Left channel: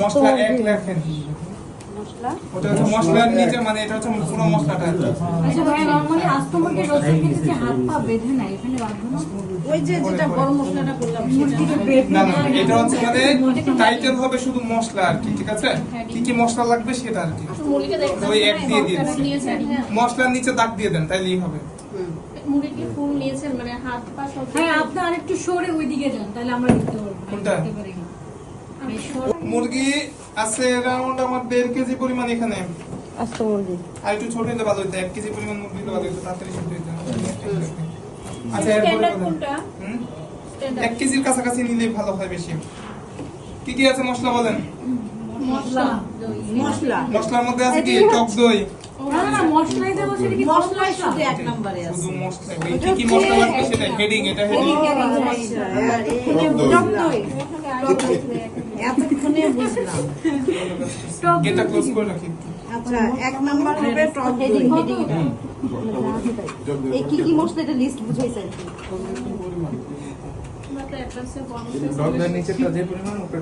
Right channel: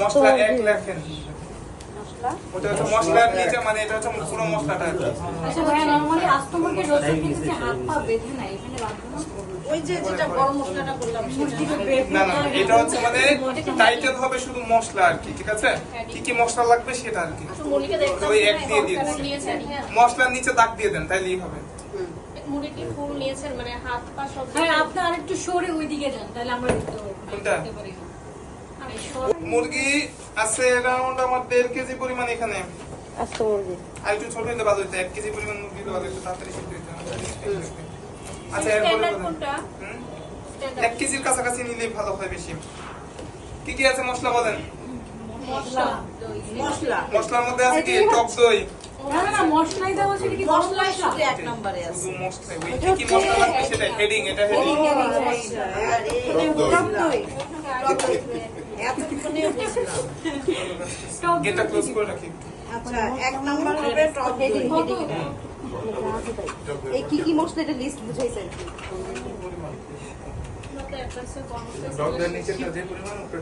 মশলা 1 লেখেন, ওটা হচ্ছে মশলার নিচে, মানে এটা হচ্ছে পুরো মশলাটা। আচ্ছা ভাই, নরমালি আস্ত মুরগির রোস্টের ক্ষেত্রে যে হাত পা বেঁধে না, এখানে বাঁধবো না? ওই যে যেটা বড় মশলাটা বললাম, না না, এটা হচ্ছে মানে টাইটেল হবে শুধু মশলা আর কি, ঠিক আছে? কি কি মশলা লাগবে সেটা আর কি ওই এক দিয়ে দিয়ে মশলার নিচে দাগ দিয়ে দেন, তাইলেই হবে। হ্যাঁ, আপনি আরেকটু সরে ওইদিকে যান, তাহলে আমরা দেখতে পারবো। কোনটা? মুরগি আছে অ্যারাউন্ড আমার 1.5 কেজি পরিমাণ এখানে। আর একটু ছোট হইলে ভালো হইতো, 1 কেজি পরিমাণ মুরগি ভালো হইতো, তাড়াতাড়ি শেষ হয়ে যাবে। আচ্ছা, এরপরে 1 কেজির কাছাকাছি নিলেই ভালো হয় বেশি। কি কি আছে মশলা বলেন? মশলার মধ্যে আছে কি? টক দই। শুধু মশলা, কি কি মশলা লাগবে সেটা হেডিং, এটা হেডিং। এটা ক্লোজ করে রাখি। আচ্ছা, 1 নাম্বার হবে টক দই। এই কি কি মশলা এটা লিস্ট দিয়েছেন? টক দই নিচেটা যে পরিমাণ ওটা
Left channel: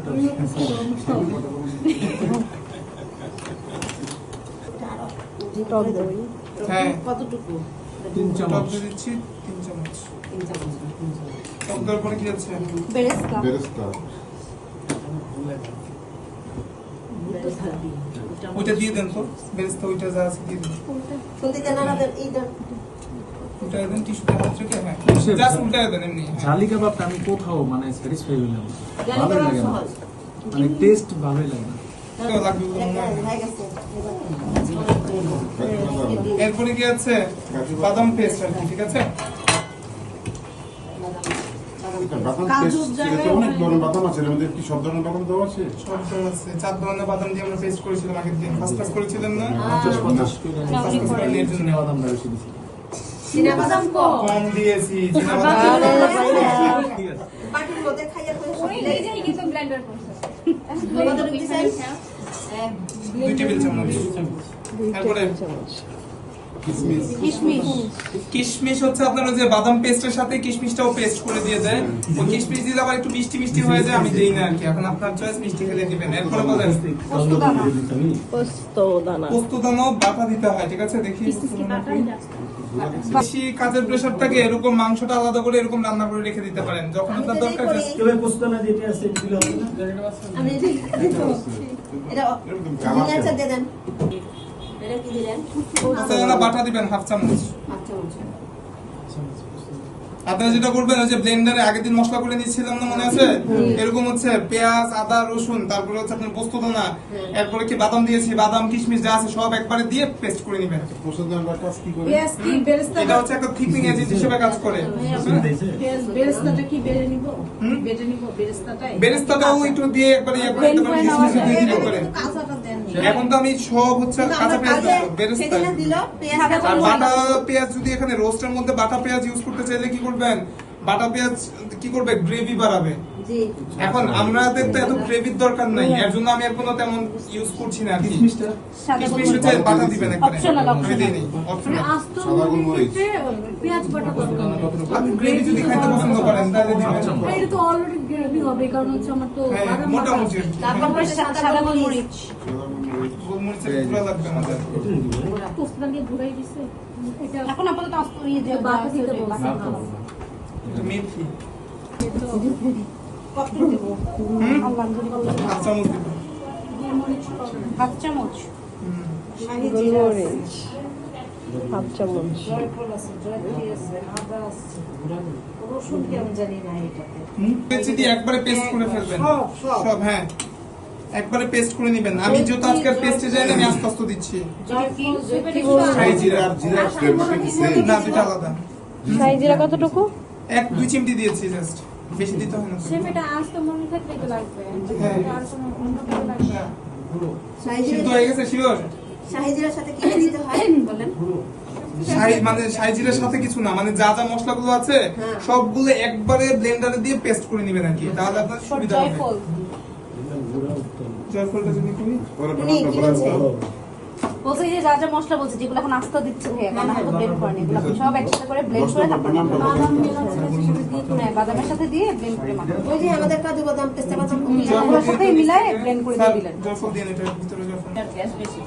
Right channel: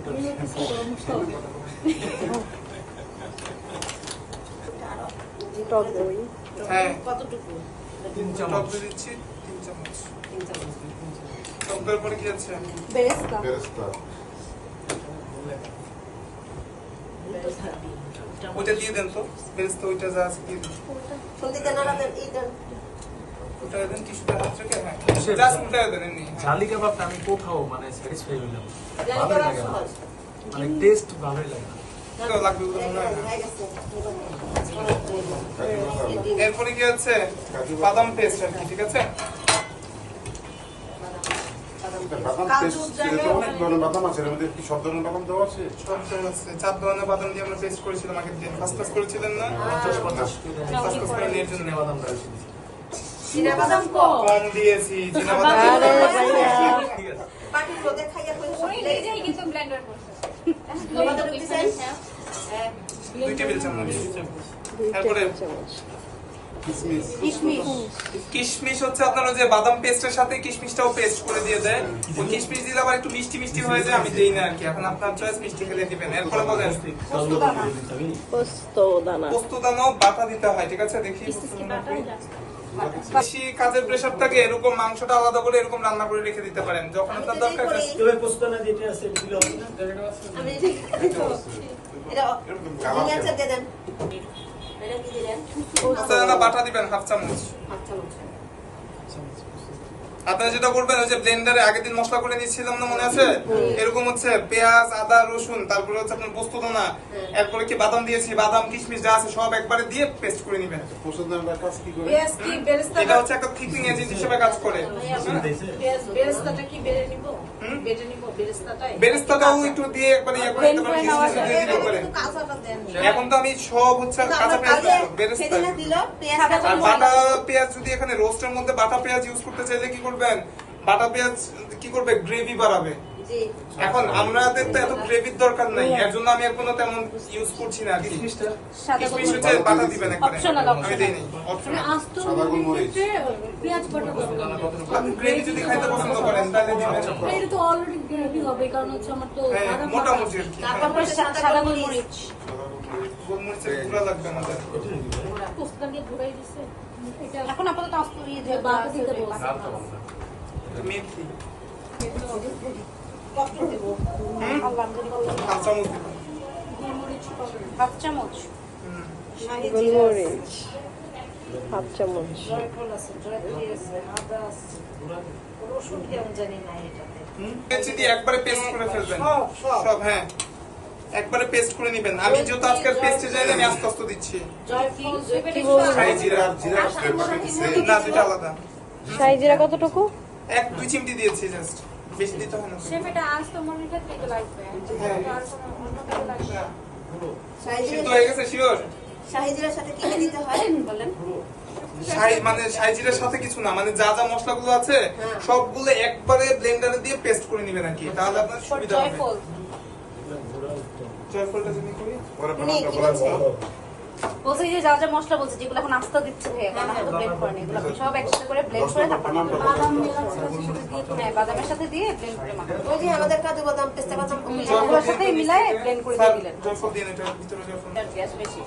হ্যাঁ, কতটুকু? 3 চামচ দিচ্ছি, 3 চামচ। টক দইয়ের পরে কি আছে? বেরেস্তা। ওইটা দিয়ে দেন তো, বেরেস্তা ওইটা যা আছে দিয়ে দেন। কোনদিকে নাড়াবেন? এইটা ওটা দেন টিস্যুটা হাত রেখে, হ্যাঁ জাস্ট উল্টে দেন এমনি। ঝালি কাবাবটা আমি কোথাও মানে স্যাটিসফাই হইলাম, ভালো লাগে না, মানে টেস্ট ভালোই লাগে না। তো লাগবে না। হয়ে গেছে। এরপরে কি আছে? বাদাম পেস্ট আর কি, ঠিক আছে? অনেক ধরনের বাদাম আছে, এর মধ্যে কি সব ধরনের বাদাম দেওয়া আছে? সব আছে, 4 ধরনের বাদাম দিয়ে আমরা পেস্ট করেছিলাম আগের দিন। ফার্স্ট ক্লাস করেছিলেন না? ফার্স্ট করে নিয়ে জন্য বাদামটা বেশি দিচ্ছি। চিনাবাদাম কম। কম দিয়েছি, চীনাবাদাম বাটির মধ্যে খাইয়া কই সব মিলে গেছে। 2 টেবিল চামচ। এরপরে কিশমিশ হচ্ছে আপনার ওই যে বাদাম পেস্টের সাথে কিশমিশটাও পেস্ট করে দিয়ে দেয়। ওই কিশমিশ দিলে আবার একটু মিষ্টি মিষ্টি হয়ে যায়, আমি দিই না আর কি। এখন আপনার চয়েস, মিষ্টি খেলে দিবেন। এরপরে বলেন পোস্তদানা বাটা দিতে হয়, ঠিক আছে? দেখি বেশি কাজের প্রেশার থাকে, এরকম মাংসটা আলাদা করে এরকম রান্না করে রেখে দিতে পারেন, যখন আপনার দরকার। এটা নিচে দিয়ে দেন। এটা কি দিলেন? পোস্তদানা বাটা দিবেন 1/2 চামচ। আপনারা যেটা করবেন, ওই যে ব্লেন্ডারে আগের দিন মশলা করে নিয়েছিলাম না, মনে আছে? এরকম হচ্ছে পেঁয়াজ, আদা, রসুন, তারপরে হচ্ছে আপনার পোস্তদানা, এরপরে কি বাদাম দিয়েছি, বাদাম কিশমিশ যা আছে সব একবারে দিয়ে পেস্ট করে নেবেন। এটা হচ্ছে একটা থিপিং এজেন্ট হিসেবে কাজ করে। বেরেস্তাটাও একটু দিয়ে একবারে ইয়ে করে দিতে পারেন, কিশমিশ দিয়ে দিতে পারেন। এখন তো আমি সব হচ্ছে কাঁচা পেঁয়াজ বেরেস্তা আর বাটা পেঁয়াজ। যদি এখানে রোস্টের মধ্যে বাটা পেঁয়াজ ইউজ করতে চাইলে কি করবেন? বাটা পেঁয়াজ কি করবে? গ্রেভি বাড়াবে। এখন আমাদের তো এত গ্রেভির দরকার নাই, এর জন্য আমি এখনো তেমন ইউজ করছি না। কিশমিশ হচ্ছে বাটা দিবেন একবারে, আমি দিইনি। গ্রেভি যদি খাইতে পছন্দ করেন তাহলে দিবেন। হ্যাঁ, মোটামুটি গোলমরিচের গুঁড়া লাগবে না। মেথি 1/2 চামচ দিবেন। 1/2 চামচ। শাহি জিরা আছে। রসুন কেন জানি না এটাতে। যদি একবারে পেস্ট করে ফেলবেন সব, হ্যাঁ একবারে পেস্ট করে নেবেন। আমি যেহেতু আজকে পেস্টে যাই না, আমি আস্তে আস্তে দিচ্ছি। শাহি জিরা না, দুটো আলাদা। 1-2 চিমটি দিয়েছি জাস্ট, বেশি দিতে হয় না। সিদ্ধ হয়ে গেছে শিওর? শাহি জিরার সাথে কি দিতে হয় বলেন? মানে শাহি জিরার সাথে কিছু না, মানে যা যা মশলাগুলো আছে সবগুলো একবারে ব্লেন্ডারে দিয়ে পেস্ট করে নেবেন আর কি, তাহলে আপনার সুবিধা হবে। জয়ফলটা যদি তুমি বলছে যে যা যা মশলা বলছে যেগুলো এখন আস্তে দিচ্ছে ভাইয়া কারণ তো ব্লেন্ড করেন এগুলো সব একসাথে করে ব্লেন্ড করে তারপর হ্যাঁ বাদামের সাথে দিয়ে ব্লেন্ড করে ওই যে আমাদের কাজু বাদাম পেস্তা বাদাম বাদামের সাথে মিলায় ব্লেন্ড করে স্যার দিলেন জয়ফল দিয়ে দিতে ভিতরে জয়ফল গ্যাস বেশি